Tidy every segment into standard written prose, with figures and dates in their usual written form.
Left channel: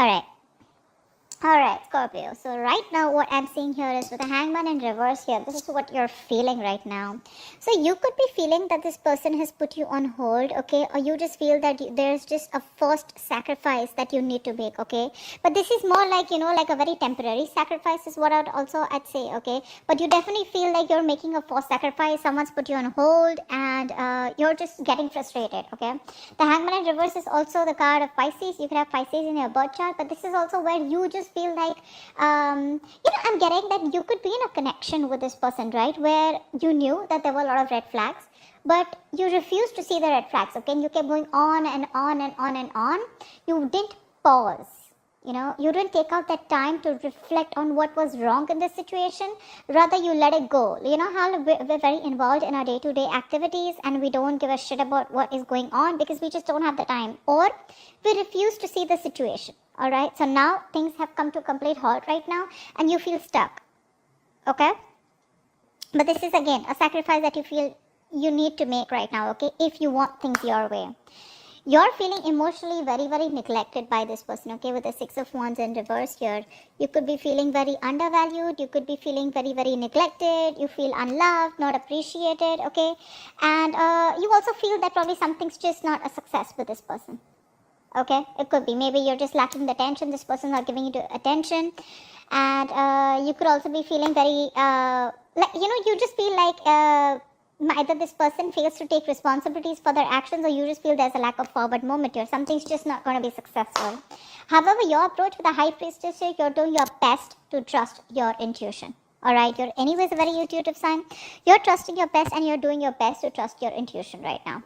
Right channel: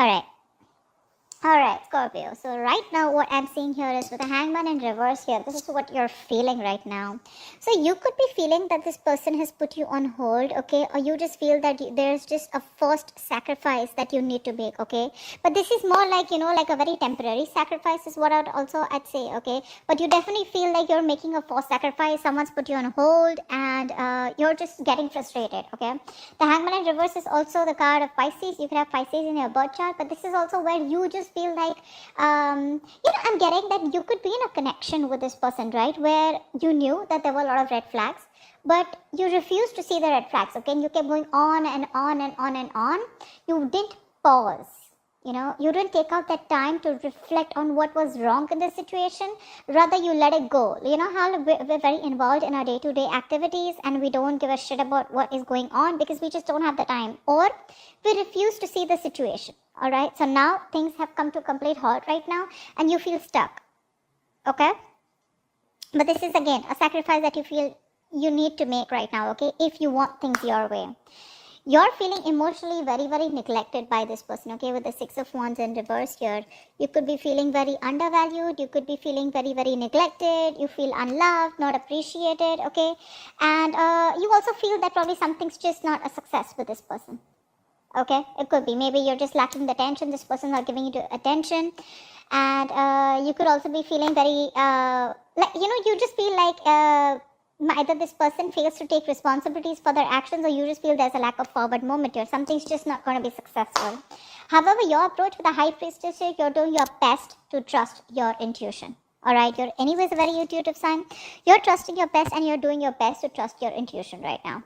Alright. Alright, Scorpio. So right now what I'm seeing here is with the hangman in reverse here, this is what you're feeling right now. So you could be feeling that this person has put you on hold, okay? Or you just feel that there's just a forced sacrifice that you need to make, okay? But this is more like, like a very temporary sacrifice is what I'd say, okay? But you definitely feel like you're making a forced sacrifice, someone's put you on hold, and you're just getting frustrated, okay? The hangman in reverse is also the card of Pisces. You can have Pisces in your birth chart, but this is also where you just feel like, I'm getting that you could be in a connection with this person, right? Where you knew that there were a lot of red flags, but you refused to see the red flags, okay? You kept going on and on and on and on. You did pause. You didn't take out that time to reflect on what was wrong in the situation. Rather, you let it go. You know how we're very involved in our day-to-day activities and we don't give a shit about what is going on because we just don't have the time. Or we refuse to see the situation. Alright, so now things have come to complete halt right now and you feel stuck. Okay? But this is again a sacrifice that you feel you need to make right now, okay? If you want things your way. You're feeling emotionally very, very neglected by this person, okay? With the Six of Wands in reverse here. You could be feeling very undervalued. You could be feeling very, very neglected. You feel unloved, not appreciated, okay? And you also feel that probably something's just not a success with this person. Okay, it could be. Maybe you're just lacking the attention. This person's not giving you attention. And you could also be feeling very, you just feel like either this person fails to take responsibilities for their actions or you just feel there's a lack of forward movement here. Something's just not going to be successful. However, your approach with the High Priestess here, you're doing your best to trust your intuition. Alright, you're anyways a very intuitive sign. You're trusting your best and you're doing your best to trust your intuition right now.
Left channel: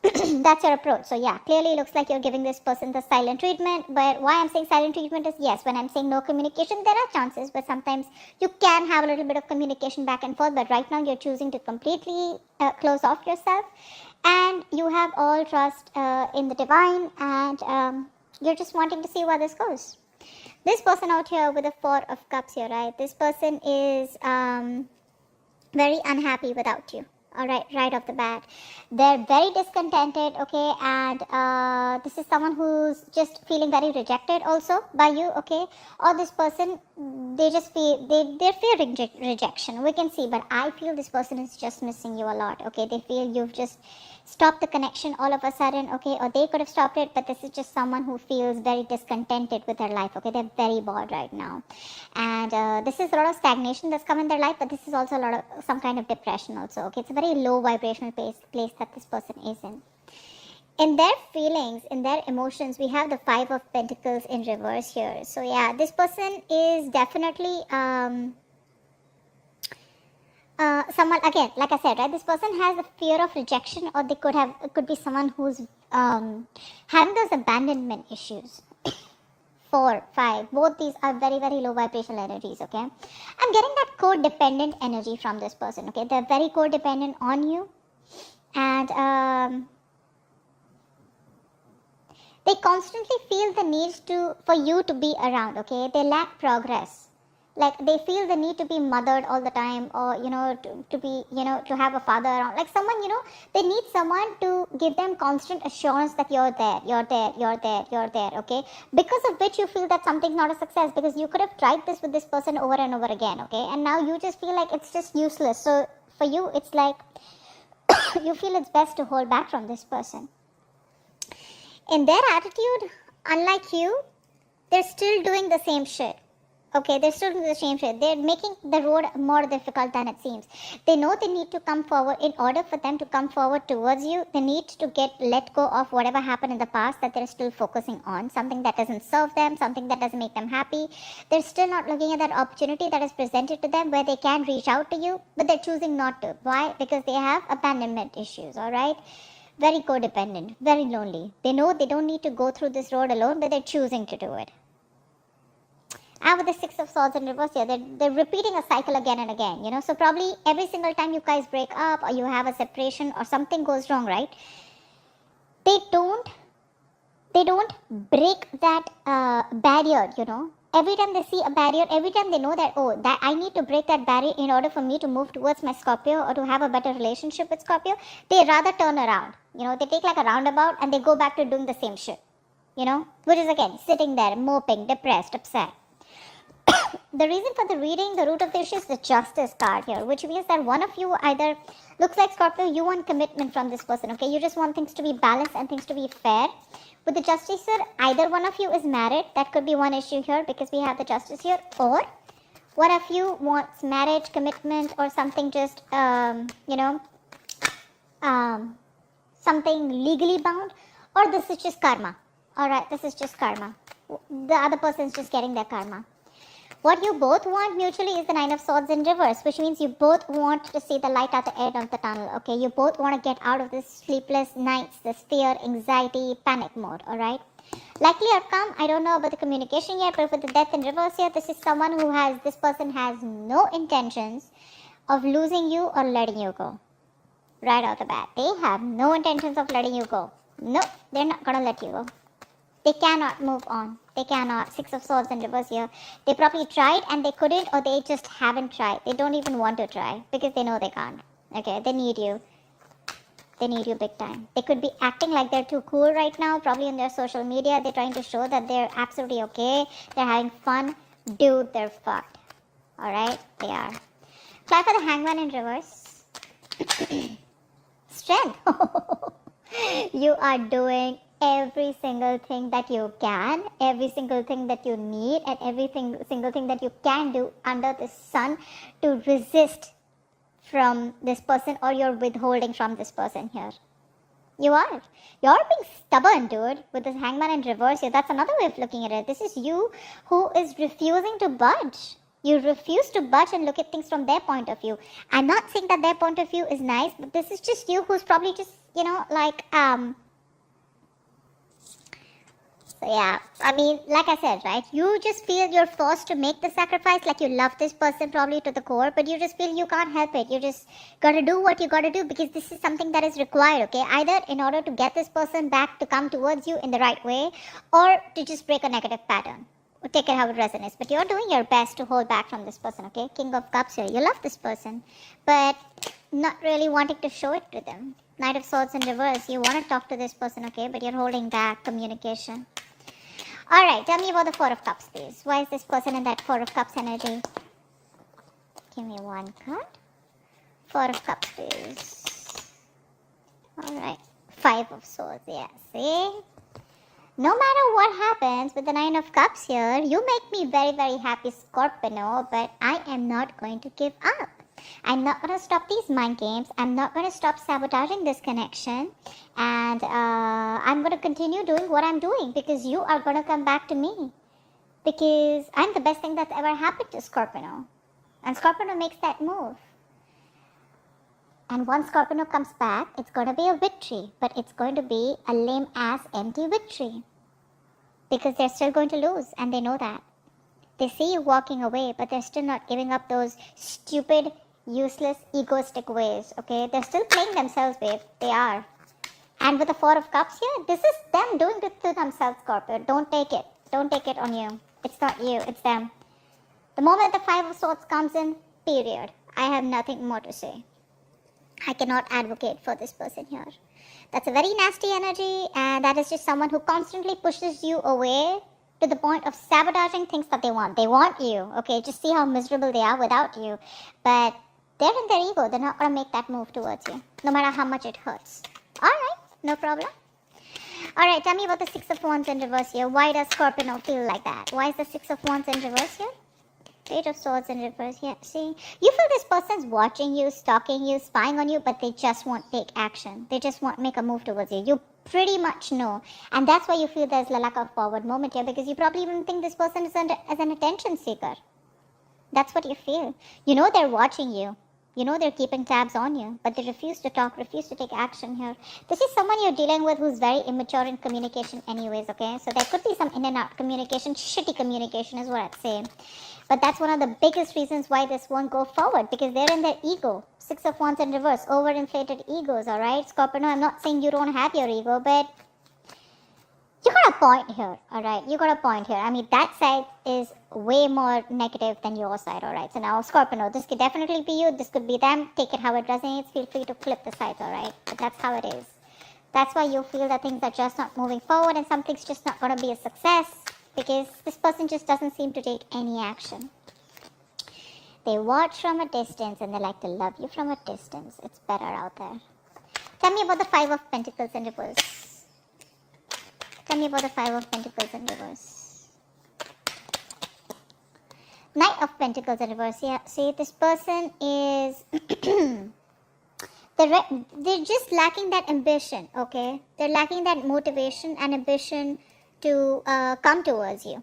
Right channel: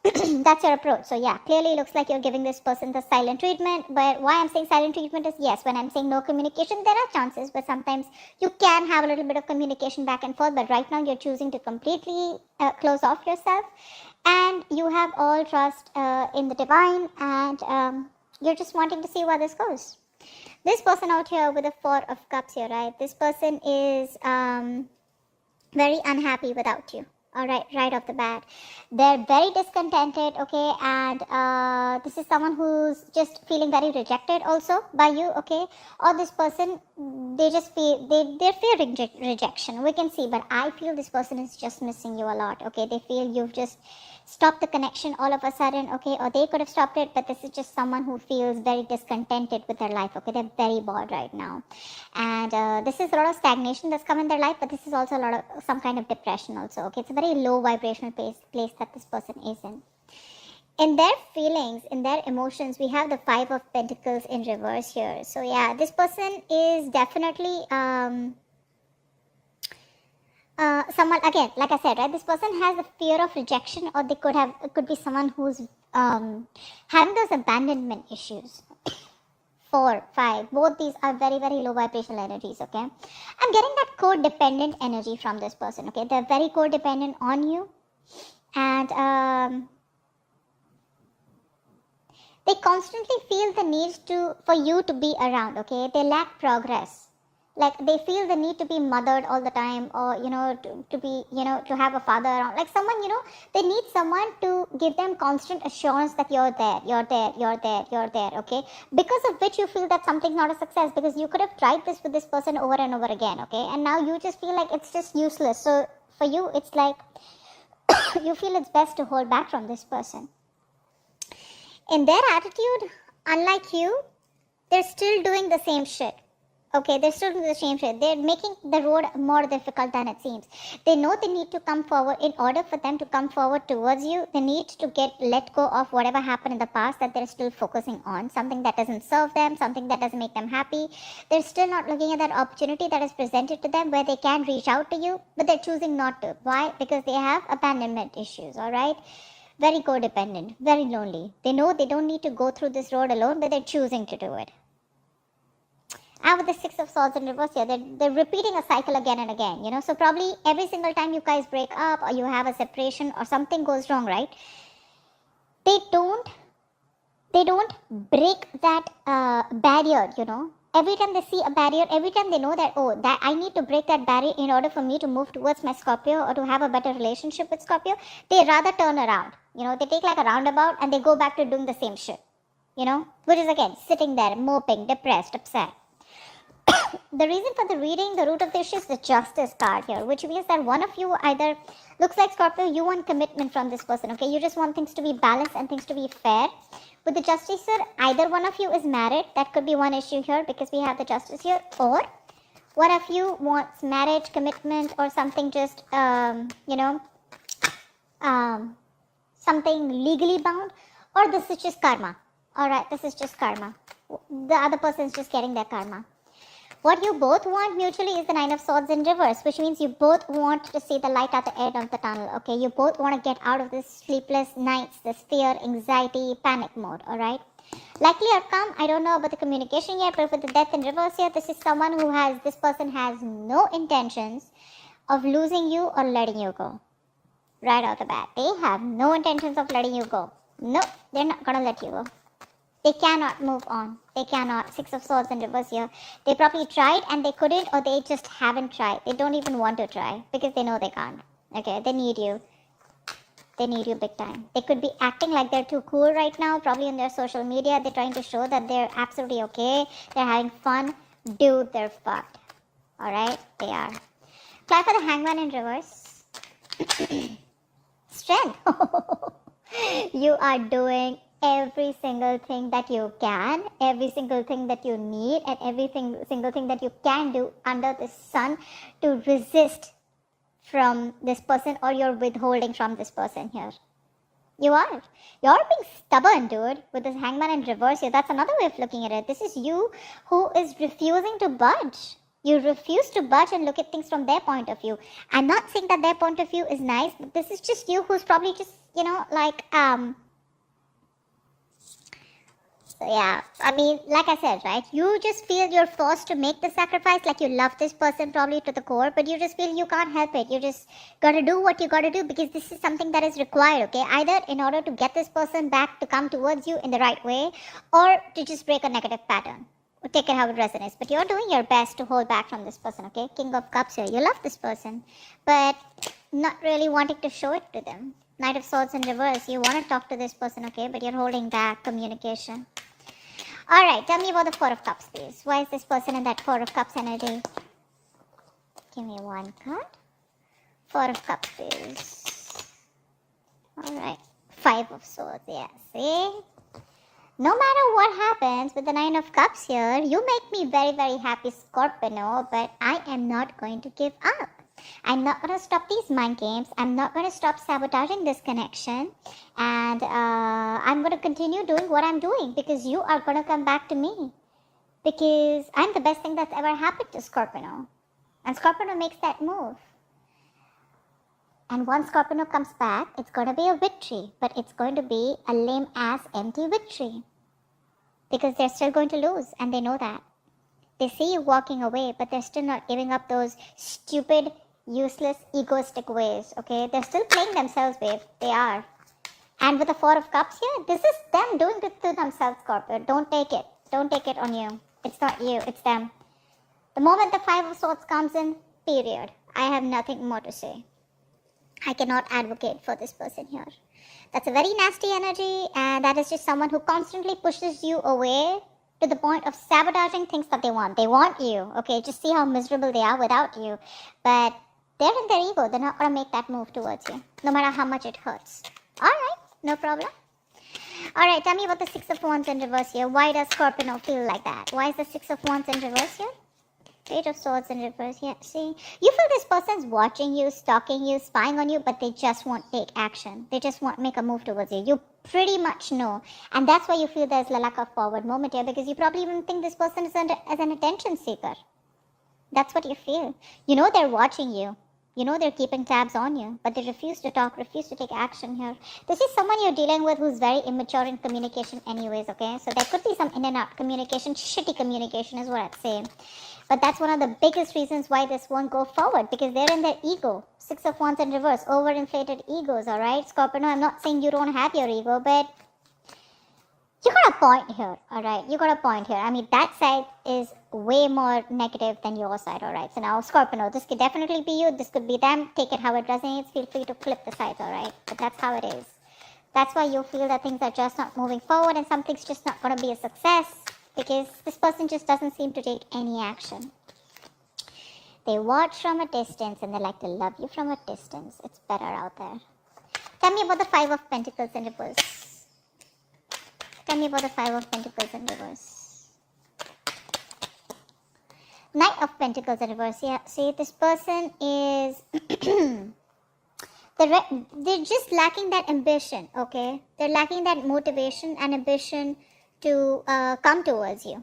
That's your approach. So yeah, clearly it looks like you're giving this person the silent treatment. But why I'm saying silent treatment is, yes, when I'm saying no communication, there are chances, but sometimes you can have a little bit of communication back and forth. But right now you're choosing to completely close off yourself, and you have all trust in the divine, and you're just wanting to see where this goes. This person out here with the Four of Cups here, right? This person is very unhappy without you. Alright, right off the bat. They're very discontented, okay, and this is someone who's just feeling very rejected also by you, okay, or this person, they just feel, they're feeling rejection, we can see, but I feel this person is just missing you a lot, okay, they feel you've just stopped the connection all of a sudden, okay, or they could have stopped it, but this is just someone who feels very discontented with their life, okay, they're very bored right now, and this is a lot of stagnation that's come in their life, but this is also a lot of some kind of depression also, okay, it's a very low vibrational place that this person is in. In their feelings, in their emotions, we have the Five of Pentacles in reverse here, so yeah, this person is definitely someone, again, like I said, right, this person has a fear of rejection, or it could be someone who's having those abandonment issues. 4, 5, both these are very, very low vibrational energies, okay? I'm getting that codependent energy from this person, okay? They're very codependent on you, and they constantly feel the need for you to be around, okay? They lack progress. Like, they feel the need to be mothered all the time, or, to be, to have a father around. Like, someone, they need someone to give them constant assurance that you're there, okay? Because of which you feel that something's not a success, because you could have tried this with this person over and over again, okay? And now you just feel like it's just useless. So, for you, it's like, you feel it's best to hold back from this person. In their attitude, unlike you, they're still doing the same shit. Okay, they're still doing the same shit. They're making the road more difficult than it seems. They know they need to come forward. In order for them to come forward towards you, they need to let go of whatever happened in the past that they're still focusing on. Something that doesn't serve them, something that doesn't make them happy. They're still not looking at that opportunity that is presented to them where they can reach out to you, but they're choosing not to. Why? Because they have abandonment issues, alright? Very codependent, very lonely. They know they don't need to go through this road alone, but they're choosing to do it. And with the Six of Swords in reverse here, they're repeating a cycle again and again, so probably every single time you guys break up or you have a separation or something goes wrong, right, they don't break that barrier, Every time they see a barrier, every time they know that, that I need to break that barrier in order for me to move towards my Scorpio or to have a better relationship with Scorpio, they rather turn around. They take like a roundabout and they go back to doing the same shit. which is again sitting there, moping, depressed, upset. The reason for the reading, the root of the issue is the Justice card here, which means that one of you either, looks like Scorpio, you want commitment from this person, okay? You just want things to be balanced and things to be fair. With the Justice here, either one of you is married. That could be one issue here because we have the Justice here. Or one of you wants marriage, commitment, or something just, something legally bound. Or this is just karma. Alright, this is just karma. The other person is just getting their karma. What you both want mutually is the Nine of Swords in reverse, which means you both want to see the light at the end of the tunnel, okay? You both want to get out of this sleepless nights, this fear, anxiety, panic mode, alright? Likely outcome, I don't know about the communication yet, but with the Death in reverse here, this is someone who has, this person has no intentions of losing you or letting you go. Right out the bat. They have no intentions of letting you go. No, they're not going to let you go. They cannot move on. They cannot. Six of Swords in reverse here. They probably tried and they couldn't, or they just haven't tried. They don't even want to try because they know they can't. Okay, they need you. They need you big time. They could be acting like they're too cool right now. Probably on their social media, they're trying to show that they're absolutely okay. They're having fun. Dude, they're fucked. Alright, they are. Try for the Hangman in reverse. Strength. You are doing every single thing that you can, every single thing that you need, and every single thing that you can do under the sun to resist from this person, or you're withholding from this person here. You are. You're being stubborn, dude. With this Hangman in reverse here, that's another way of looking at it. This is you who is refusing to budge. You refuse to budge and look at things from their point of view. I'm not saying that their point of view is nice, but this is just you who's probably just, So yeah, I mean, like I said, right, you just feel you're forced to make the sacrifice, like you love this person probably to the core, but you just feel you can't help it. You just gotta do what you gotta do because this is something that is required, okay? Either in order to get this person back to come towards you in the right way, or to just break a negative pattern, or take it how it resonates. But you're doing your best to hold back from this person, okay? King of Cups here. You love this person, but not really wanting to show it to them. Knight of Swords in reverse. You want to talk to this person, okay? But you're holding back communication. Alright, tell me about the Four of Cups, please. Why is this person in that Four of Cups energy? Give me one card. Four of Cups, please. Alright. Five of Swords, yes. See? No matter what happens with the Nine of Cups here, you make me very, very happy, Scorpio, but I am not going to give up. I'm not going to stop these mind games. I'm not going to stop sabotaging this connection. And I'm going to continue doing what I'm doing because you are going to come back to me. Because I'm the best thing that's ever happened to Scorpio. And Scorpio makes that move. And once Scorpio comes back, it's going to be a victory. But it's going to be a lame-ass empty victory. Because they're still going to lose. And they know that. They see you walking away, but they're still not giving up those stupid, useless, egoistic ways, okay? They're still playing themselves, babe. They are. And with the Four of Cups here, this is them doing it to themselves, Scorpio. Don't take it. Don't take it on you. It's not you. It's them. The moment the Five of Swords comes in, period. I have nothing more to say. I cannot advocate for this person here. That's a very nasty energy, and that is just someone who constantly pushes you away to the point of sabotaging things that they want. They want you, okay? Just see how miserable they are without you. But they're in their ego. They're not going to make that move towards you, no matter how much it hurts. Alright, no problem. Alright, tell me about the Six of Wands in reverse here. Why does Scorpio feel like that? Why is the Six of Wands in reverse here? Page of Swords in reverse here. See, you feel this person's watching you, stalking you, spying on you, but they just won't take action. They just won't make a move towards you. You pretty much know. And that's why you feel there's like a forward moment here, because you probably even think this person is as an attention seeker. That's what you feel. You know they're watching you. You know they're keeping tabs on you, but they refuse to talk, refuse to take action here. This is someone you're dealing with who's very immature in communication anyways, okay? So there could be some in and out communication, shitty communication is what I'm saying. But that's one of the biggest reasons why this won't go forward, because they're in their ego. Six of Wands in reverse, overinflated egos, alright? Scorpio, no, I'm not saying you don't have your ego, but you got a point here, alright? You got a point here. I mean, that side is way more negative than your side, alright? So now, Scorpio, this could definitely be you, this could be them. Take it how it resonates. Feel free to flip the sides, alright? But that's how it is. That's why you feel that things are just not moving forward and something's just not going to be a success, because this person just doesn't seem to take any action. They watch from a distance and they like to love you from a distance. It's better out there. Tell me about the Five of Pentacles in reverse. Tell me about the Five of Pentacles in reverse. Knight of Pentacles in reverse. Yeah, see, this person is... they're just lacking that ambition, okay? They're lacking that motivation and ambition to come towards you.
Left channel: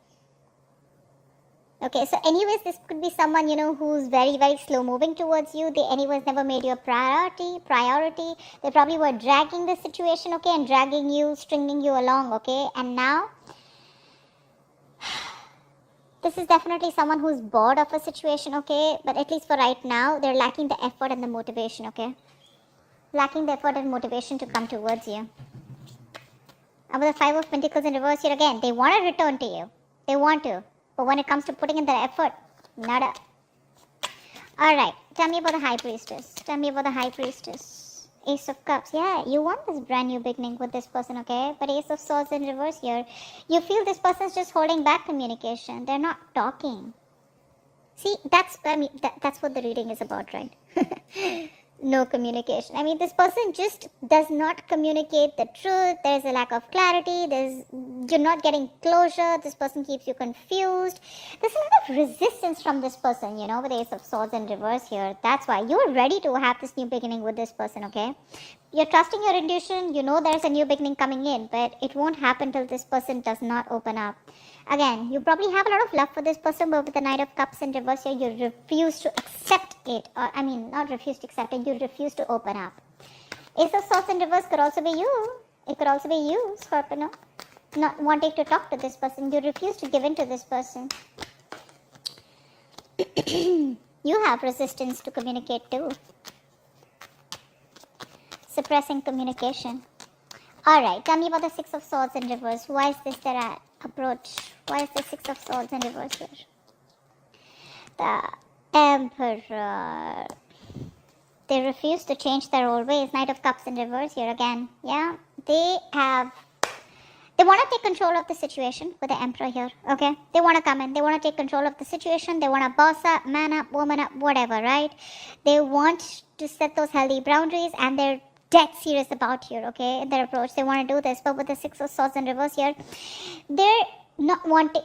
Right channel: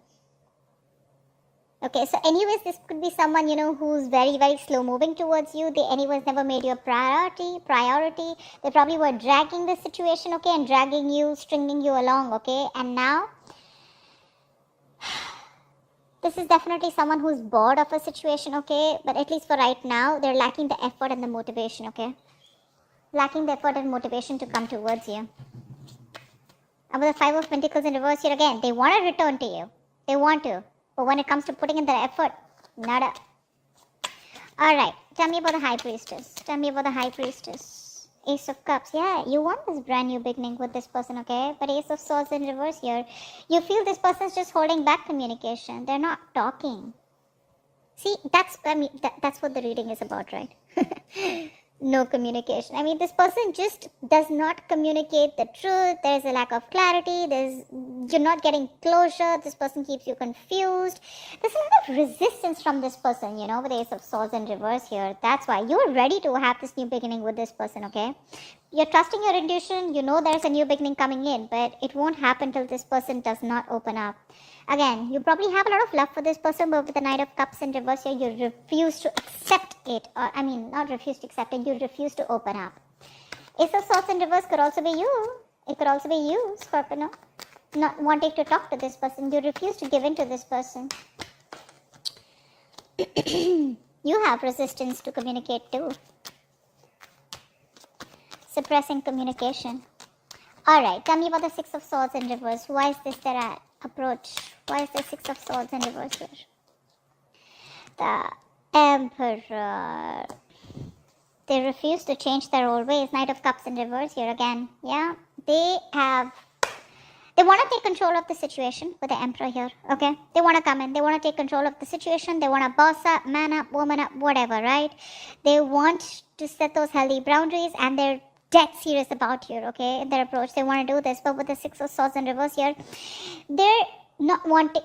Okay, so anyways, this could be someone, who's very, very slow moving towards you. They anyways never made you a priority. They probably were dragging the situation, okay, and dragging you, stringing you along, okay? And now, this is definitely someone who's bored of a situation, okay? But at least for right now, they're lacking the effort and the motivation, okay? Lacking the effort and motivation to come towards you. About the Five of Pentacles in reverse here again, they want to return to you. They want to. But when it comes to putting in the effort, nada. Alright, tell me about the High Priestess. Tell me about the High Priestess. Ace of Cups. Yeah, you want this brand new beginning with this person, okay? But Ace of Swords in reverse here. You feel this person's just holding back communication. They're not talking. See, that's what the reading is about, right? No communication. I mean, this person just does not communicate the truth. There's a lack of clarity. You're not getting closure. This person keeps you confused. There's a lot of resistance from this person, with the Ace of Swords in reverse here. That's why you're ready to have this new beginning with this person, okay? You're trusting your intuition. You know there's a new beginning coming in, but it won't happen till this person does not open up. Again, you probably have a lot of love for this person, but with the Knight of Cups in reverse here, you refuse to accept it. Not refuse to accept it, you refuse to open up. Ace of Swords in reverse could also be you. It could also be you, Scorpio. Not wanting to talk to this person, you refuse to give in to this person. You have resistance to communicate too. Suppressing communication. Alright, tell me about the Six of Swords in reverse. Why is this their approach? Why is the Six of Swords in reverse here? The Emperor. They refuse to change their old ways. Knight of Cups in reverse here again. Yeah, they want to take control of the situation with the Emperor here, okay? They want to come in. They want to take control of the situation. They want to boss up, man up, woman up, whatever, right? They want to set those healthy boundaries, and they're dead serious about you, okay? In their approach, they want to do this. But with the Six of Swords in reverse here, they're not wanting...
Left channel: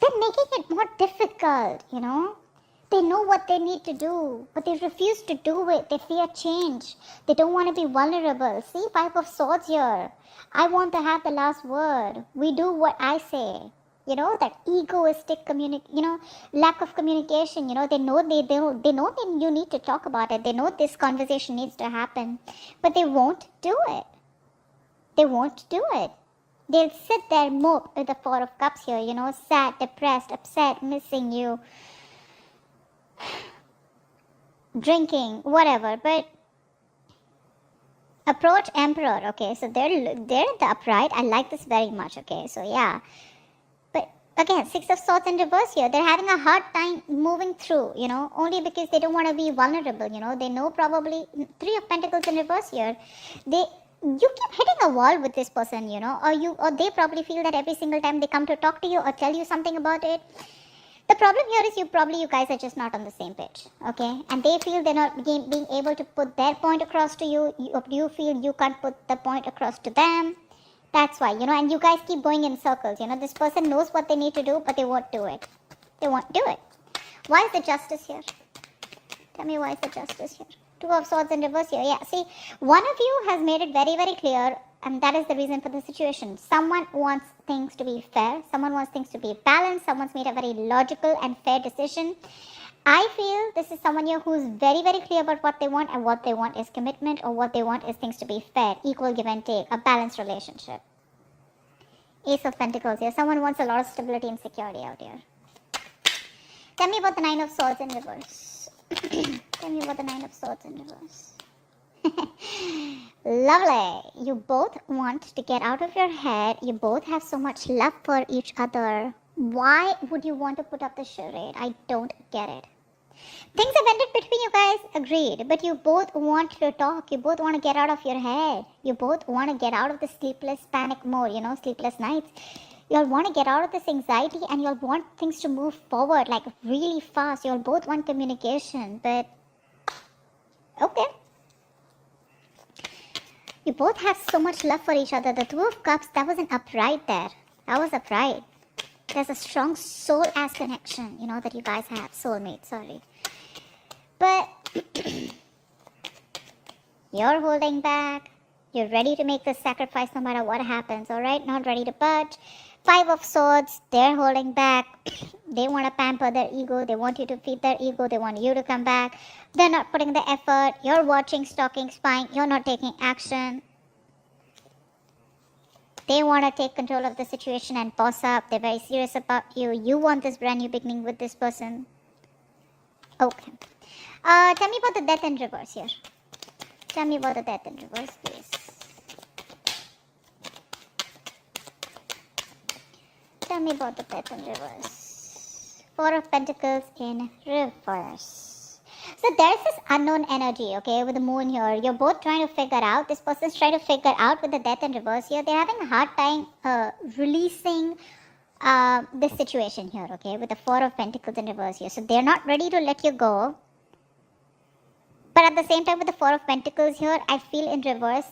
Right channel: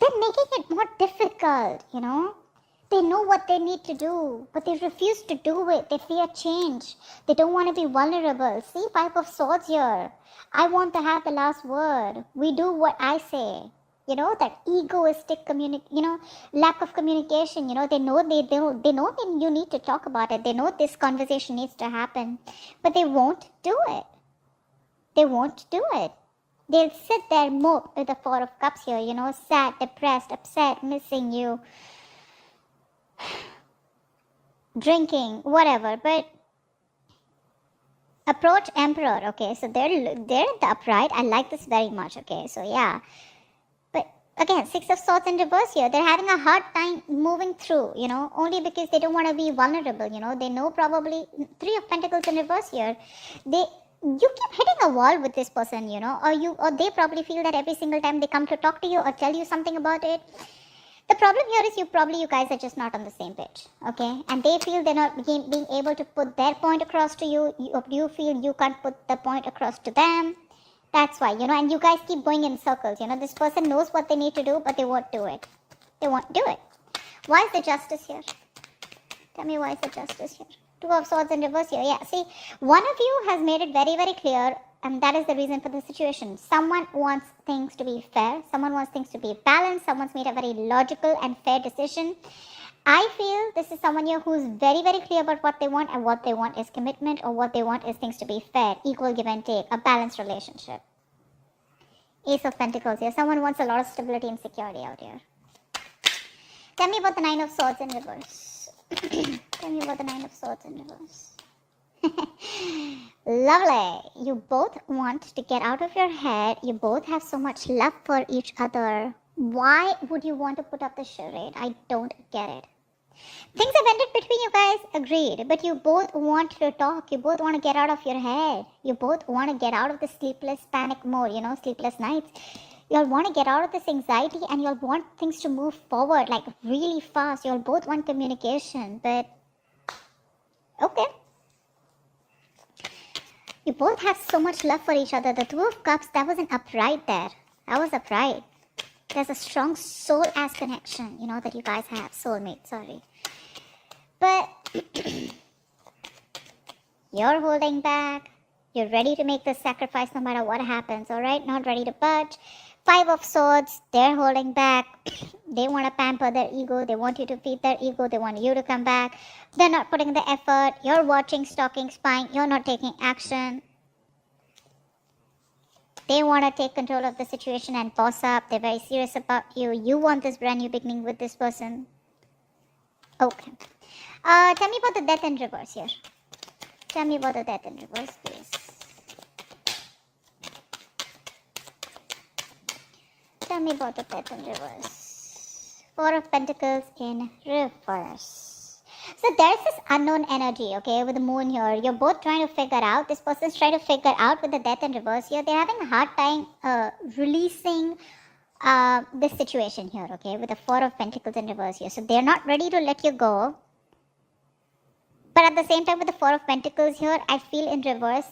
They're making it more difficult, They know what they need to do, but they refuse to do it. They fear change. They don't want to be vulnerable. See, Five of Swords here. I want to have the last word. We do what I say. That egoistic lack of communication. They know you need to talk about it. They know this conversation needs to happen, but they won't do it. They won't do it. They'll sit there, mope with the Four of Cups here, sad, depressed, upset, missing you, drinking, whatever. But approach Emperor, okay? So they're in the upright. I like this very much, okay? So yeah. But again, Six of Swords in reverse here. They're having a hard time moving through, only because they don't want to be vulnerable, They know probably Three of Pentacles in reverse here. You keep hitting a wall with this person, or they probably feel that every single time they come to talk to you or tell you something about it. The problem here is you guys are just not on the same page, okay? And they feel they're not being able to put their point across to you. You feel you can't put the point across to them. That's why, and you guys keep going in circles, This person knows what they need to do, but they won't do it. They won't do it. Why is the Justice here? Tell me why is the Justice here? Two of Swords in reverse here. Yeah, see, one of you has made it very, very clear, and that is the reason for the situation. Someone wants things to be fair. Someone wants things to be balanced. Someone's made a very logical and fair decision. I feel this is someone here who is very, very clear about what they want, and what they want is commitment, or what they want is things to be fair, equal give and take, a balanced relationship. Ace of Pentacles here. Someone wants a lot of stability and security out here. Tell me about the Nine of Swords in reverse. Tell me about the Nine of Swords in reverse. Lovely. You both want to get out of your head. You both have so much love for each other. Why would you want to put up the charade? I don't get it. Things have ended between you guys, agreed. But you both want to talk. You both want to get out of your head. You both want to get out of the sleepless panic mode, sleepless nights. You'll want to get out of this anxiety and you'll want things to move forward like really fast. You'll both want communication, but okay. You both have so much love for each other. The Two of Cups, that was an upright there. That was upright. There's a strong soul-ass connection, that you guys have. Soulmate, sorry. But you're holding back. You're ready to make this sacrifice no matter what happens, alright? Not ready to budge. Five of Swords, they're holding back. They want to pamper their ego. They want you to feed their ego. They want you to come back. They're not putting the effort. You're watching, stalking, spying. You're not taking action. They want to take control of the situation and boss up. They're very serious about you. You want this brand new beginning with this person. Okay. Tell me about the Death in reverse here. Tell me about the Death in reverse, please. Tell me about the Death in reverse. Four of Pentacles in reverse. So there's this unknown energy, okay, with the moon here. You're both trying to figure out, this person's trying to figure out with the Death in reverse here. They're having a hard time releasing this situation here, okay, with the Four of Pentacles in reverse here. So they're not ready to let you go. But at the same time with the Four of Pentacles here, I feel in reverse,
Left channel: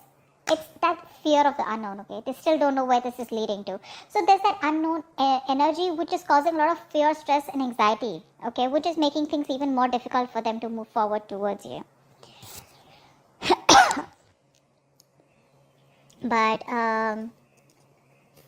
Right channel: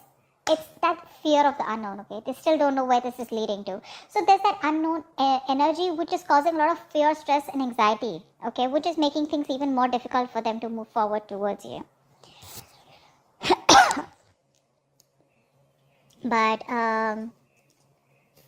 it's that fear of the unknown, okay? They still don't know where this is leading to. So there's that unknown energy which is causing a lot of fear, stress and anxiety, okay? Which is making things even more difficult for them to move forward towards you. But,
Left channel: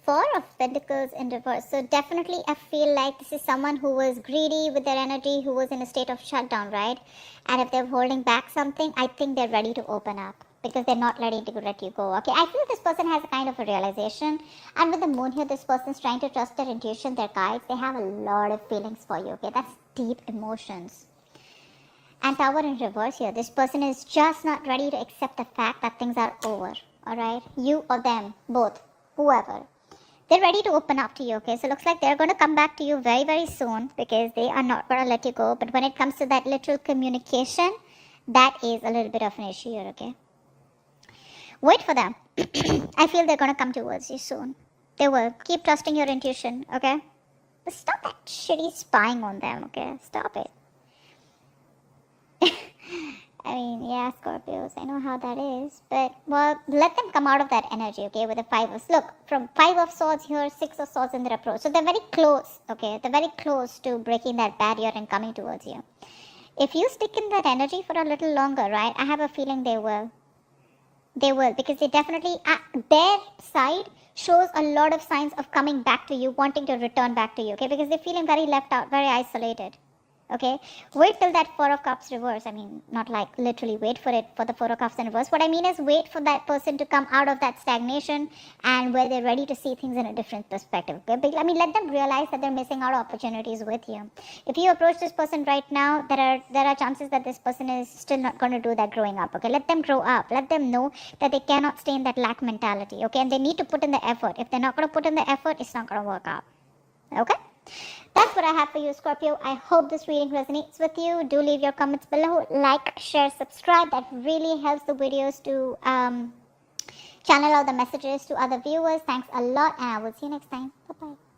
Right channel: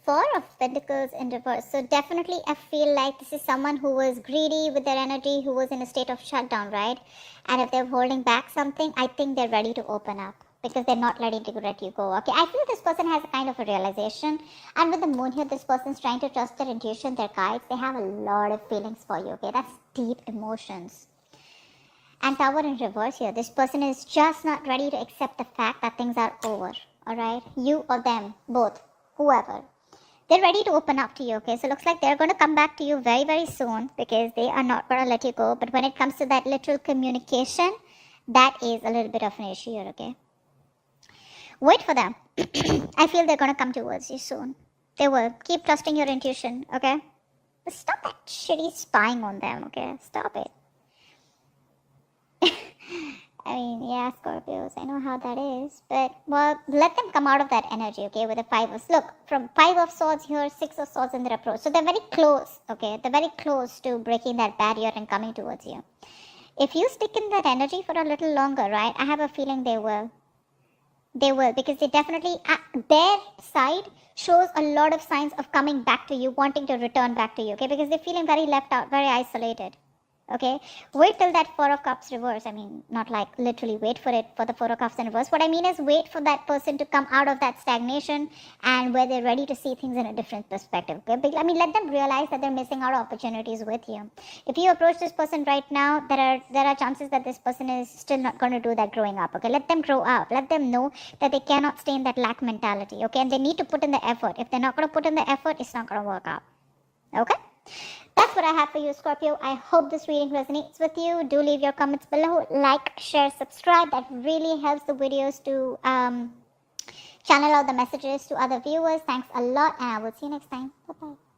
Four of Pentacles in reverse. So definitely I feel like this is someone who was greedy with their energy, who was in a state of shutdown, right? And if they're holding back something, I think they're ready to open up. Because they're not ready to let you go. Okay, I think this person has a kind of a realization. And with the moon here, this person's trying to trust their intuition, their guides. They have a lot of feelings for you. Okay, that's deep emotions. And Tower in reverse here. This person is just not ready to accept the fact that things are over. Alright, you or them, both, whoever. They're ready to open up to you. Okay, so it looks like they're going to come back to you very, very soon. Because they are not going to let you go. But when it comes to that literal communication, that is a little bit of an issue here. Okay. Wait for them. I feel they're going to come towards you soon. They will. Keep trusting your intuition, okay? Stop that shitty spying on them, okay? Stop it. I mean, yeah, Scorpios, I know how that is. But, well, let them come out of that energy, okay, with the Five of... Look, from Five of Swords here, Six of Swords in their approach. So they're very close, okay? They're very close to breaking that barrier and coming towards you. If you stick in that energy for a little longer, right, I have a feeling they will. They will, because they definitely, their side shows a lot of signs of coming back to you, wanting to return back to you, okay, because they're feeling very left out, very isolated, okay. Wait till that Four of Cups reverse. I mean, not like literally wait for it for the Four of Cups in reverse. What I mean is wait for that person to come out of that stagnation and where they're ready to see things in a different perspective, okay. But let them realize that they're missing out opportunities with you. If you approach this person right now, there are chances that this person is still not going to do that growing up, okay. Let them grow out. Let them know that they cannot stay in that lack mentality, okay, and they need to put in the effort. If they're not going to put in the effort, it's not going to work out, okay. That's what I have for you, Scorpio. I hope this reading resonates with you. Do leave your comments below. Like, share, subscribe. That really helps the videos to channel out the messages to other viewers. Thanks a lot, and I will see you next time. Bye-bye.